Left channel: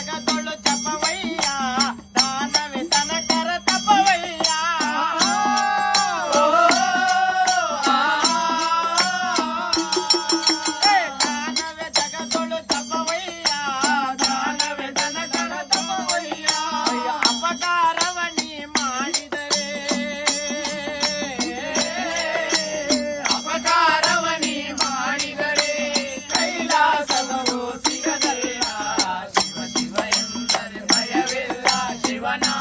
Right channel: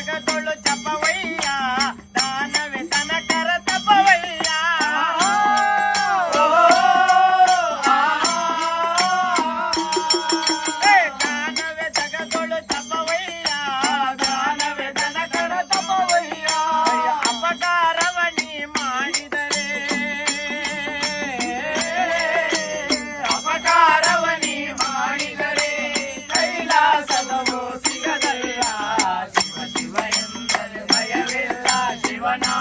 జగదోళ్ళు చెప్పవయ్యా. దానవి తన కర తప్పవయ్యా. Oh ಶಿವನಾ